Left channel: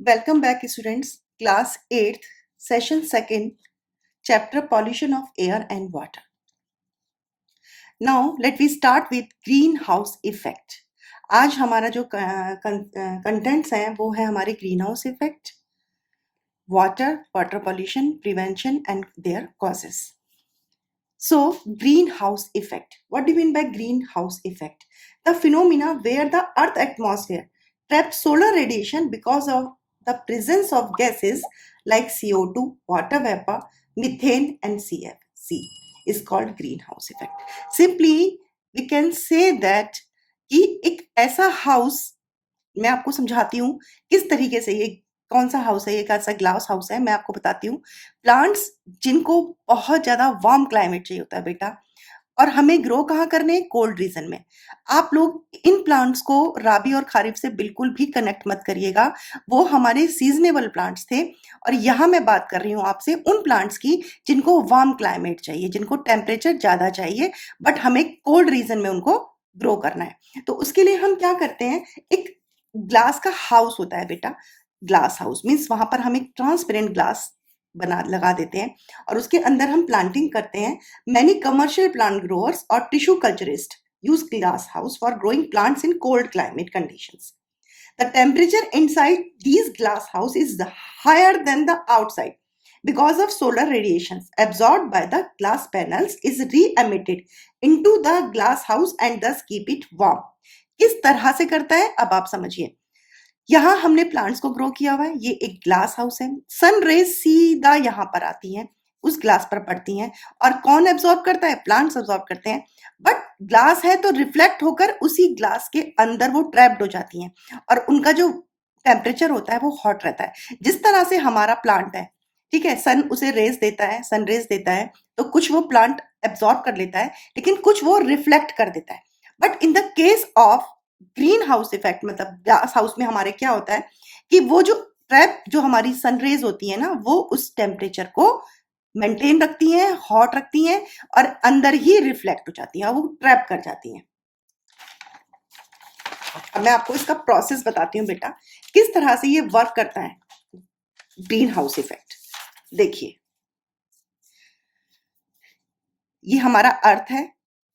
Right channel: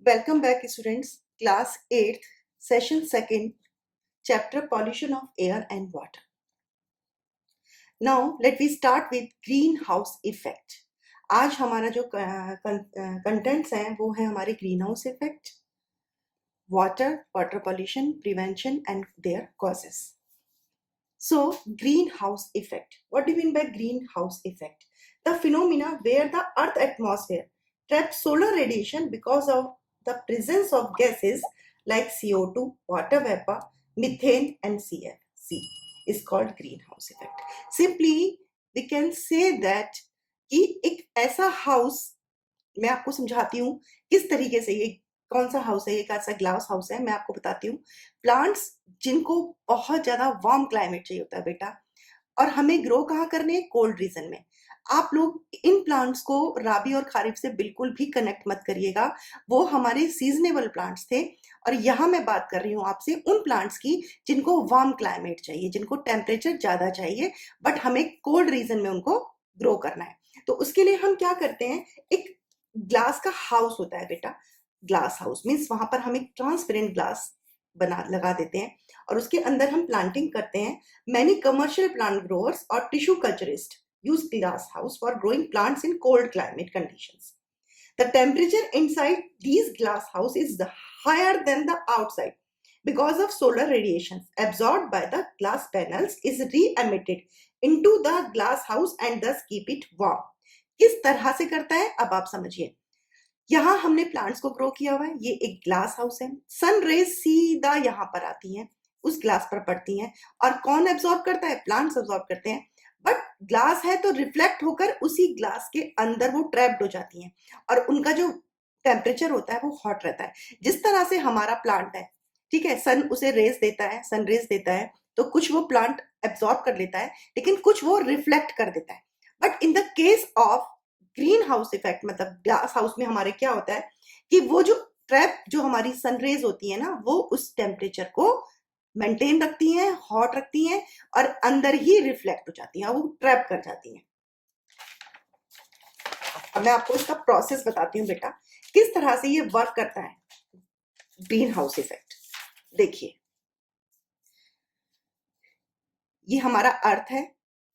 Welcome back, students. Class 8th, Session 2nd, Chapter Pollution of Air and Water. Now, let me start with greenhouse effect. आज हमारा जो contents हैं वो है हमारे greenhouse effect, water pollution, prevention and their causes. So, greenhouse effect. What do you mean by greenhouse effect? The phenomena where the Earth atmosphere traps solar radiation because of the presence of gases like CO2, water vapor, methane and CFC is called greenhouse effect. Simply, we can say that कि एक ऐसा house, मैं आपको समझाती हूँ किस तरीके से ये कौन सा हाउस है, ये कैसा ग्लास हाउस है, मैं आपको बताती हूँ। प्लांट्स जिनको बहुत ज़्यादा वार्म क्लाइमेट चाहिए होता है बेटा, और हमें ग्रो कहाँ करने, कोल्ड रीजन में। आप लोग इन प्लांट्स को राबी और खारिफ से बिल्कुल भी कनेक्ट मत करिएगा, वो हमारे सीजनेबल प्लांट्स थे। और यहाँ मैं बात कर रही हूँ आपसे उन प्लांट्स की जिनको वार्म क्लाइमेट चाहिए, जिनको टेम्परेचर ज़्यादा चाहिए, बट हमें कोल्ड रीजन में उनको ग्रो करना है। तो उसके लिए हम क्या करते हैं, एक ग्लास का हाउस होता है बेटा। ग्लास हाउस मीन्स वहां पर हम एक ट्रांसपेरेंट ग्लास लगा देते हैं और उसके अंदर हम प्लांटिंग करते हैं। Many commercial plant growers or tissue culturists use glass house for growing plants in cold climate conditions. The temperature inside these glass house is higher than the outside because of solar radiations absorbed by the glass panels is re-emitted into the glass house and thus keep it warm. किस तरह से करता है अब आप समझिए। यहाँ हमने प्लांट्स को ग्रो किया हुआ है, ये एक ग्लास हाउस है। सन रेज सीधा यहाँ पर आती हैं, उस ग्लास पर पड़ती हैं, और कौन एब्जॉर्ब करता है, प्लांट्स एब्जॉर्ब करते हैं। बट ग्लास है तो रिफ्लेक्ट होकर उसी ग्लास के अंदर वो ट्रैप्ड हो जाती हैं और उनका जो टेम्परेचर होता है वो हॉट रहता है। जिस तरह से हमारा प्लांट है, ठीक है, सन उसे रेज देता है, सन रेज देता है, तो कुछ वो प्लांट एब्जॉर्ब कर लेता है, लेकिन कुछ वो रिफ्लेक्ट कर देता है। But in the case of green house effect, मतलब ग्लास हाउस में हमारे क्या होता है कि वो जो ट्रैप जो हमारी सनरेज होती है ना, वो उस टेम्परेचर को मेंटेन रखती हैं, हॉट रखती हैं और अंदर ही रिफ्लेक्ट हो जाती हैं, वो ट्रैप कर जाती हैं। अब मैं आपको इसका प्रोसेस बताती हूँ बेटा, किस तरह से ये वर्क करता है ग्रीन हाउस इफेक्ट। देखिए, ये हमारा अर्थ है।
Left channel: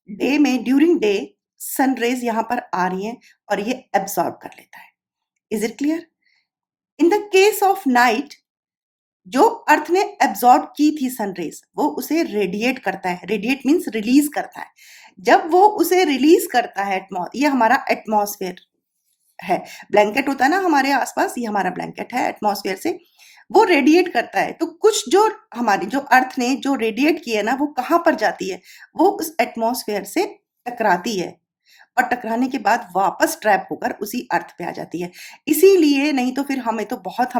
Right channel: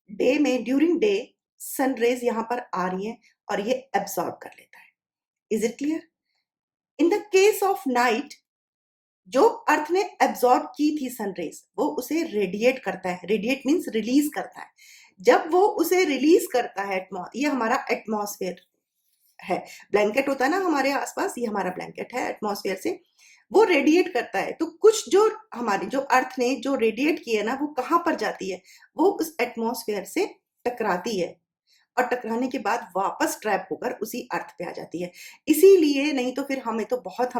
डे में ड्यूरिंग डे सनरेज यहां पर आ रही हैं और ये एब्सॉर्ब कर लेता है। Is it clear? In the case of night, जो अर्थ ने एब्सॉर्ब की थी सनरेज, वो उसे रेडिएट करता है। रेडिएट मीन्स रिलीज करता है। जब वो उसे रिलीज करता है, ये हमारा एटमॉस्फेयर है, ब्लैंकेट होता है ना हमारे आसपास, ये हमारा ब्लैंकेट है एटमॉस्फेयर से, वो रेडिएट करता है। तो कुछ जो हमारी जो अर्थ ने जो रेडिएट किया ना, वो कहाँ पर जाती है, वो उस एटमॉस्फेयर से टकराती है और टकराने के बाद वापस ट्रैप होकर उसी अर्थ पे आ जाती है। इसीलिए, नहीं तो फिर हम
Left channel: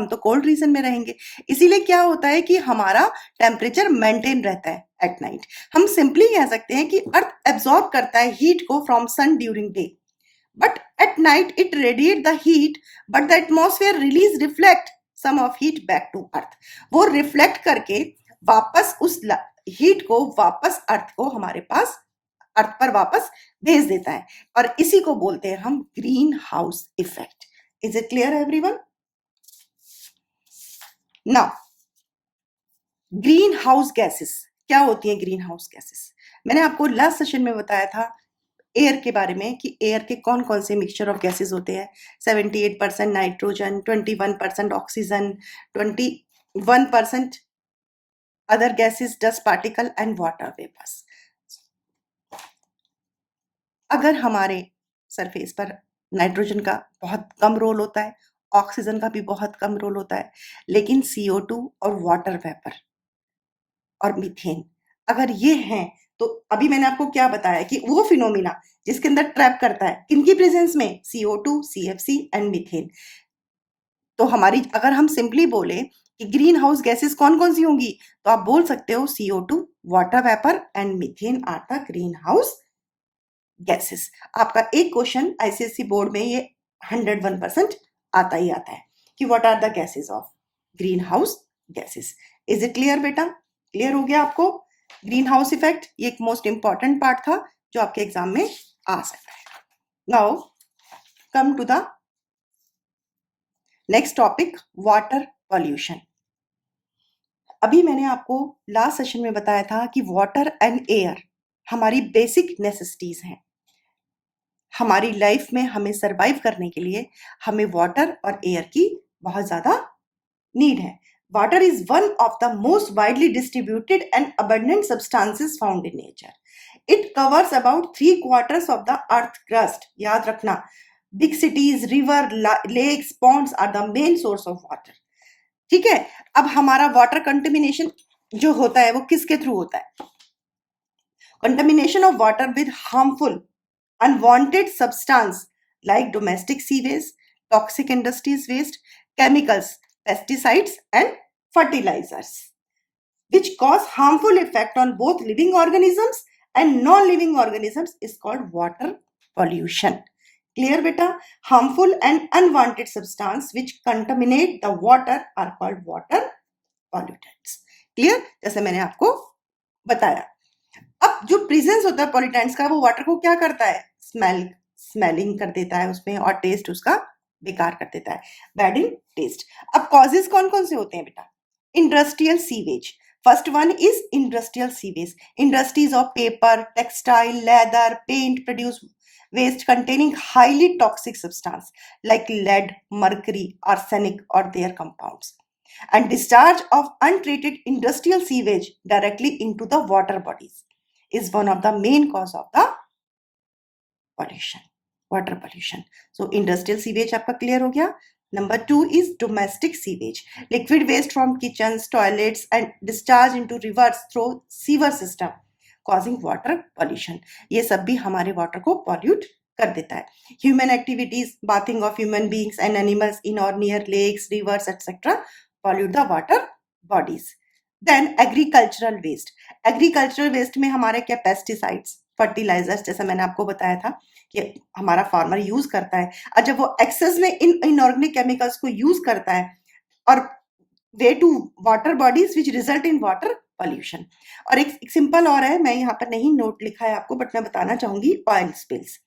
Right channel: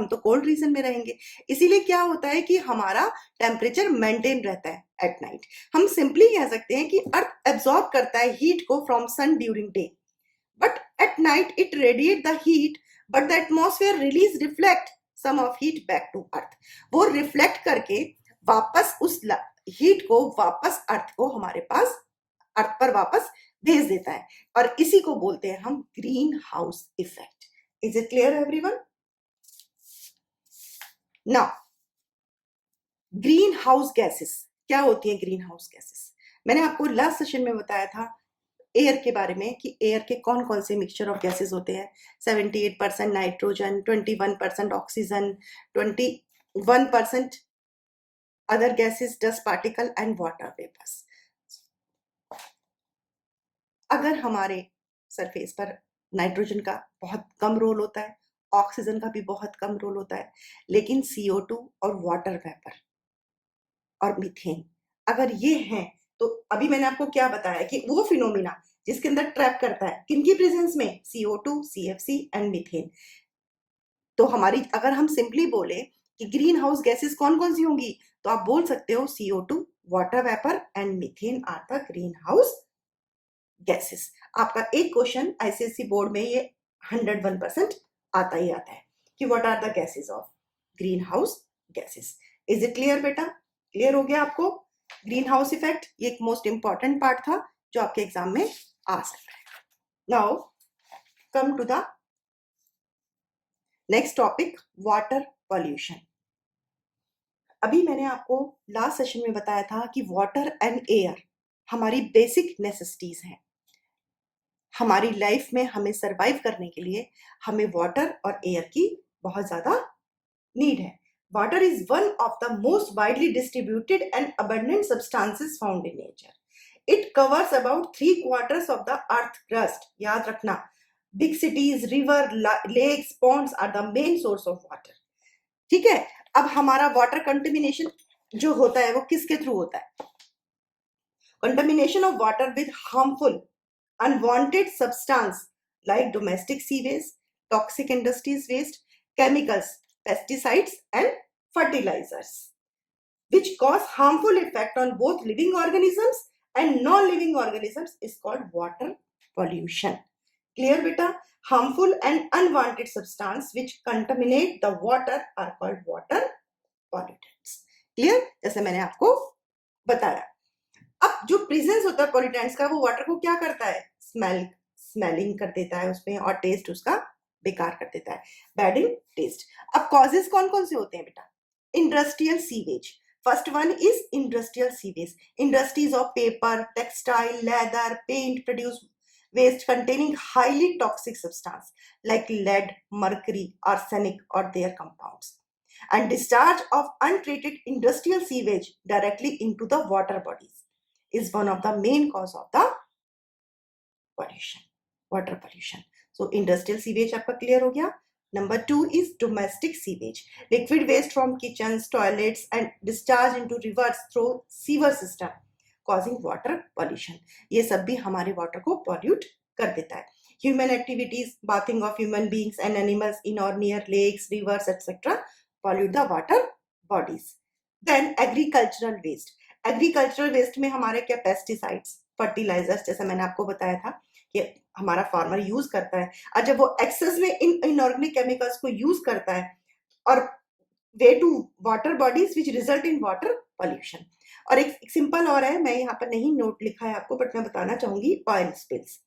तो कोल्ड रीजन में रहेंगे। इसीलिए क्या होता है कि हमारा टेम्परेचर मेंटेन रहता है एट नाइट। हम सिंपली कह सकते हैं कि अर्थ एब्सॉर्ब करता है हीट को from sun during day, but at night it radiate the heat, but the atmosphere reflect some of heat back to earth. वो रिफ्लेक्ट करके वापस उस हीट को वापस अर्थ को हमारे पास अर्थ पर वापस भेज देता है, और इसी को बोलते हैं हम green house effect. Is it clear everyone? Now, green house gases क्या होती हैं? ग्रीन हाउस गैसेस मैंने आपको लास्ट सेशन में बताया था एयर के बारे में कि एयर के कौन कौन से मिक्सचर ऑफ गैसेस होते हैं। 78% nitrogen, 21% oxygen, 21% other gases, dust particle and water vapours. अगर हमारे सरफेस पर नाइट्रोजन का बहुत कम रोल होता है, ऑक्सीजन का भी बहुत कम रोल होता है, लेकिन CO2 और वाटर वेपर और मीथेन अगर ये हैं, तो अभी मैंने आपको क्या बताया कि वो फिनोमिना जिसके अंदर ट्रैप करता है, किनकी प्रेजेंस में, CO2, CFC एंड मीथेन। तो हमारी, अगर हम सिंपली बोले कि ग्रीन हाउस गैसेस कौन कौन सी होंगी, तो आप बोल सकते हो CO2, water vapour and methane are the green house gases. आपका एक क्वेश्चन आईसीएसई बोर्ड में ये 101% आता ही आता है कि what are the gases of green house gases. Is it clear बेटा? क्लियर हो गया आपको? ग्रीन हाउस इफेक्ट ये एक मोस्ट इंपॉर्टेंट पार्ट था जो आपके एग्जाम में आ सकता है। Now come to the next topic, water pollution. अभी मैंने आपको लास्ट सेशन में बताया था कि वाटर एंड एयर हमारी बेसिक नेसेसिटीज हैं। हमारी लाइफ में हमें सरवाइव करने के लिए हमें वाटर और एयर की बहुत ज्यादा नीड है। Water is one of the most widely distributed and abundant substances found in nature. It covers about 3/4 of the earth crust. याद रखना, big cities, river, lakes, ponds are the main source of water. ठीक है, अब हमारा water contamination जो होता है वो किसके थ्रू होता है? Contamination of water with harmful unwanted substance like domestic sewage, toxic industries waste, chemicals, pesticides and fertilizers, which cause harmful effect on both living organisms and non-living organisms, is called water pollution. Clear beta? Harmful and unwanted substance which contaminate the water are called water pollutants. Clear? जैसे मैंने आपको बताया। अब जो presence होता है pollutants का, वो वाटर को क्या करता है? स्मेलिंग कर देता है उसमें, और टेस्ट उसका बेकार कर देता है, बैड इन टेस्ट। अब कॉजेज कौन कौन से होते हैं बेटा? Industrial sewage. First one is industrial sewage. Industries of paper, textile, leather, paint produce waste containing highly toxic substance like lead, mercury, arsenic or their compounds, and discharge of untreated industrial sewage directly into the water bodies is one of the main cause of the pollution, water pollution. So industrial sewage आपका clear हो गया. Number 2 is domestic sewage, liquid waste from kitchens, toilets and discharge into rivers through sewer system causing water pollution. ये सब भी हमारे water को pollute कर देता है. Human activities, bathing of human beings and animals in or near lakes, rivers, etc. pollute the water bodies. Then agricultural waste. Agricultural waste में हमारे क्या? पेस्टिसाइड्स, फर्टिलाइजर्स, जैसा मैंने आपको बताया था कि हमारा फार्मर यूज करता है, और जब वो एक्सेस में इन इनऑर्गेनिक केमिकल्स को यूज करता है और वे to water bodies which result in water pollution. और एक सिंपल और है, मैं यहाँ पर नहीं नोट लिखा है आपको, बट मैं बताना चाहूंगी, oil spills.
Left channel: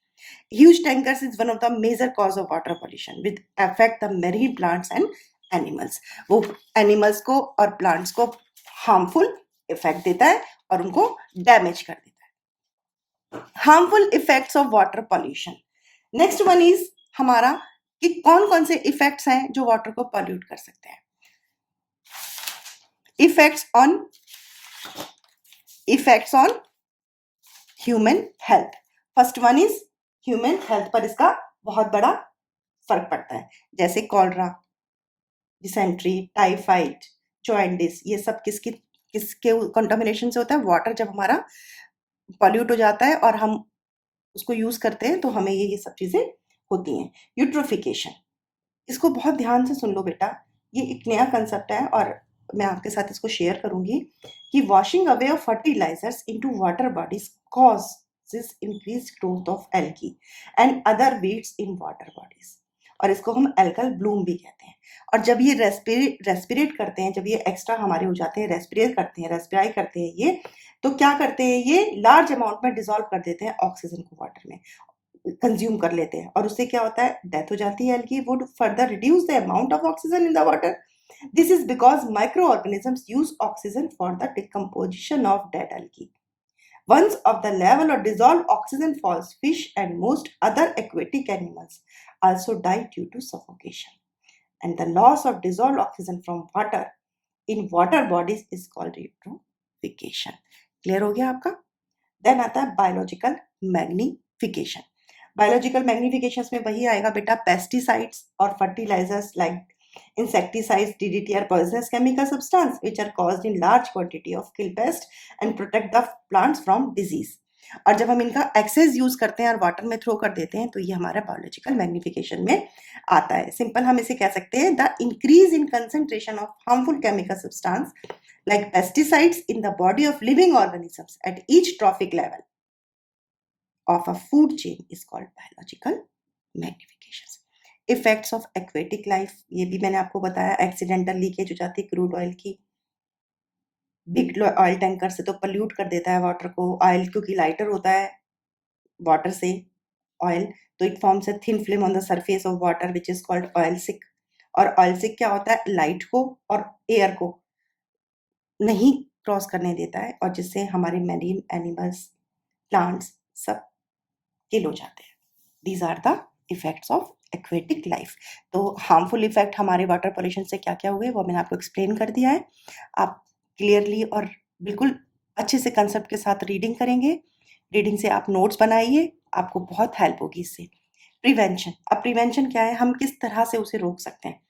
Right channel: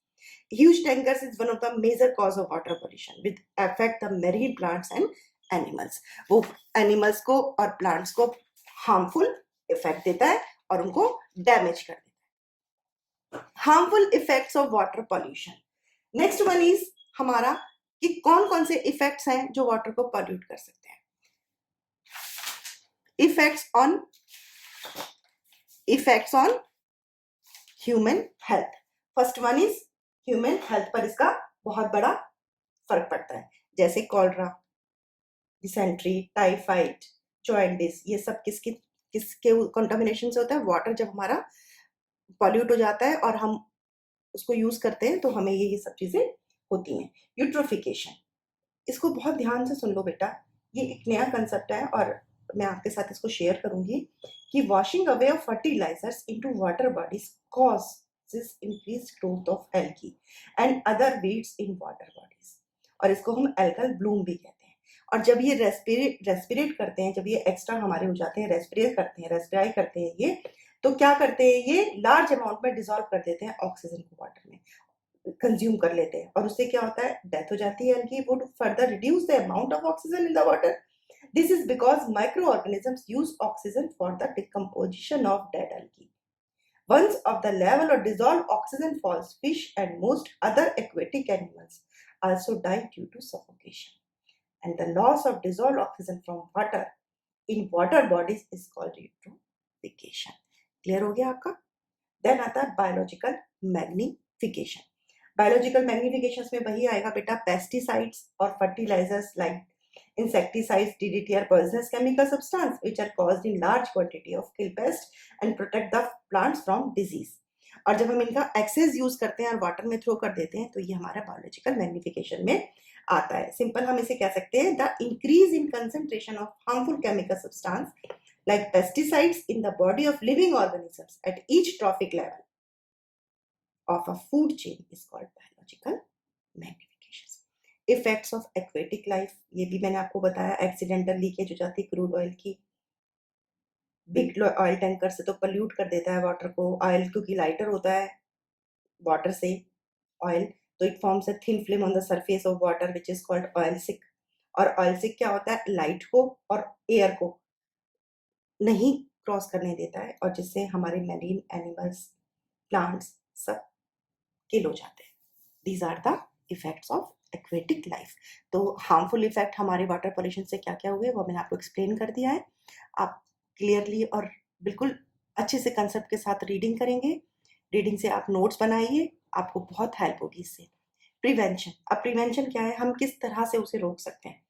Huge tankers is one of the major cause of water pollution with affect the marine plants and animals. वो एनिमल्स को और प्लांट्स को हार्मफुल इफेक्ट देता है और उनको डैमेज कर देता है. Harmful effects of water pollution. Next one is हमारा कि कौन कौन से इफेक्ट्स हैं जो वाटर को पॉल्यूट कर सकते हैं. Effects on human health. First one is human health पर इसका बहुत बड़ा फर्क पड़ता है, जैसे कॉलरा, डिसेंट्री, टाइफाइड, जॉइंटिस, ये सब किसके कंटामिनेशन से होता है? वाटर जब हमारा पॉल्यूट हो जाता है और हम उसको यूज करते हैं तो हमें ये सब चीजें होती हैं. यूट्रोफिकेशन, इसको बहुत ध्यान से सुन लो बेटा, ये एक नया कंसेप्ट है और मैं आपके साथ इसको शेयर करूंगी कि washing away of fertilizers into water bodies causes increase growth of algae and other weeds in water bodies, और इसको हम एल्कल ब्लूम भी कहते हैं. और जब ये रेस्पिरेट करते हैं, जब ये एक्स्ट्रा हमारे हो जाते हैं, रेस्पिराई करते हैं ये, तो क्या करते हैं? ये लार्ज अमाउंट में डिसॉल्व कर देते हैं ऑक्सीजन को, वाटर में कंज्यूम कर लेते हैं, और उससे क्या होता है? डेथ हो जाती है. Algae would further reduce the amount of oxygen in the water. This is because micro organisms use oxygen for the decomposition of dead algae. Once of the level of dissolved oxygen falls, fish and most other aquatic animals also die due to suffocation. And the loss of dissolved oxygen from water in water bodies is called eutrophication. Clear हो गया आपका? Then आता है biological magnification. Biological magnifications में वही आएगा बेटा, pesticides और fertilizers like insecticides, DDT are poisonous chemical substance which are caused in large quantity of kill pest and protect the plants from disease. और जब हम इनका एक्सेस यूज करते हैं और वाटर में थ्रो कर देते हैं तो ये हमारा बायोलॉजिकल मैग्निफिकेशन में आता है. सिंपल हम इसे कह सकते हैं, the increase in concentration of harmful chemical substance like pesticides in the body of living organisms at each trophic level of a food chain is called biological magnification. Effects of aquatic life, ये भी मैंने आपको बताया, accidental leakage हो जाती है crude oil की. Big oil tanker से तो पल्यूट कर देता है वाटर को, ऑयल क्योंकि लाइटर होता है वाटर से, oil, तो it forms a thin film on the surface of water which is called oil sick. और oil sick क्या होता है, लाइट को और एयर को नहीं क्रॉस करने देता है और जिससे हमारे मैरीन एनिमल्स, प्लांट्स सब किल हो जाते हैं. These are the effects of aquatic life. तो हार्मफुल इफेक्ट हमारे वाटर पॉल्यूशन से क्या क्या हुए वो मैंने आपको एक्सप्लेन कर दिया है. आप क्लियरली और बिल्कुल अच्छे से कंसेप्ट के साथ रीडिंग करेंगे. रीडिंग से आप नोट्स बनाइए, आपको बहुत हेल्प होगी इससे. प्रिवेंशन, अब प्रिवेंशन क्या है, हम किस तरह से उसे रोक सकते हैं.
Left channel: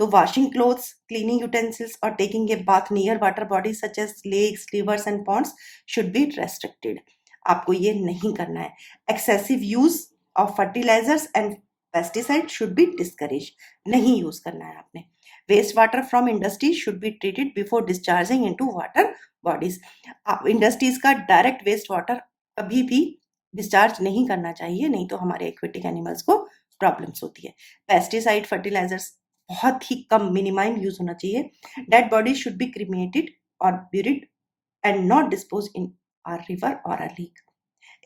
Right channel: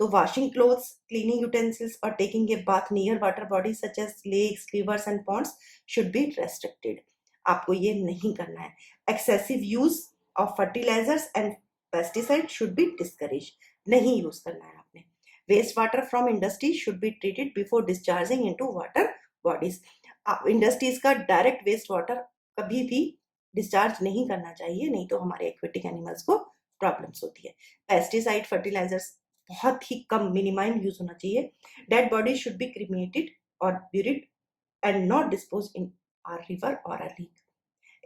तो वॉशिंग क्लोथ्स, क्लीनिंग यूटेंसिल्स और taking a bath near water bodies such as lakes, rivers and ponds should be restricted. आपको ये नहीं करना है. Excessive use of fertilizers and pesticide should be discourage, नहीं यूज करना है आपने. Waste water from industries should be treated before discharging into water bodies. Industries का डायरेक्ट वेस्ट वाटर कभी भी डिस्चार्ज नहीं करना चाहिए, नहीं तो हमारे एक्वेटिक एनिमल्स को प्रॉब्लम्स होती है. पेस्टिसाइड, फर्टिलाइजर्स बहुत ही कम, मिनिमाइम यूज होना चाहिए. Dead bodies should be cremated और buried and not dispose in our river और our lake.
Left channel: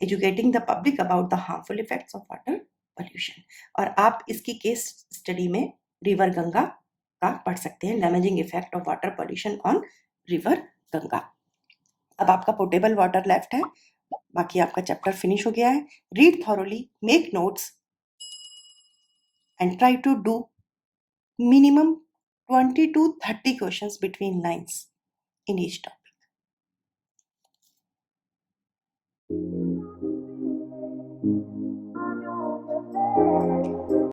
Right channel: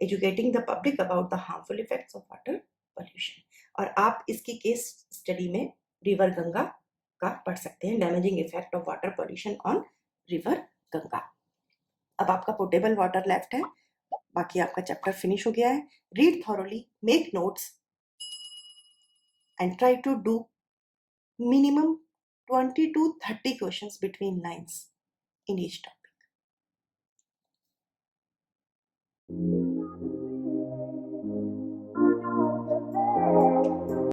Educating the public about the harmful effects of water pollution. और आप इसकी केस स्टडी में रिवर गंगा का पढ़ सकते हैं, damaging effect of water pollution on river Ganga. अब आपका पोर्टेबल वाटर लेफ्ट है, बाकी आपका चैप्टर फिनिश हो गया है. Read thoroughly, make notes and try to do minimum 20 to 30 questions between lines in each topic.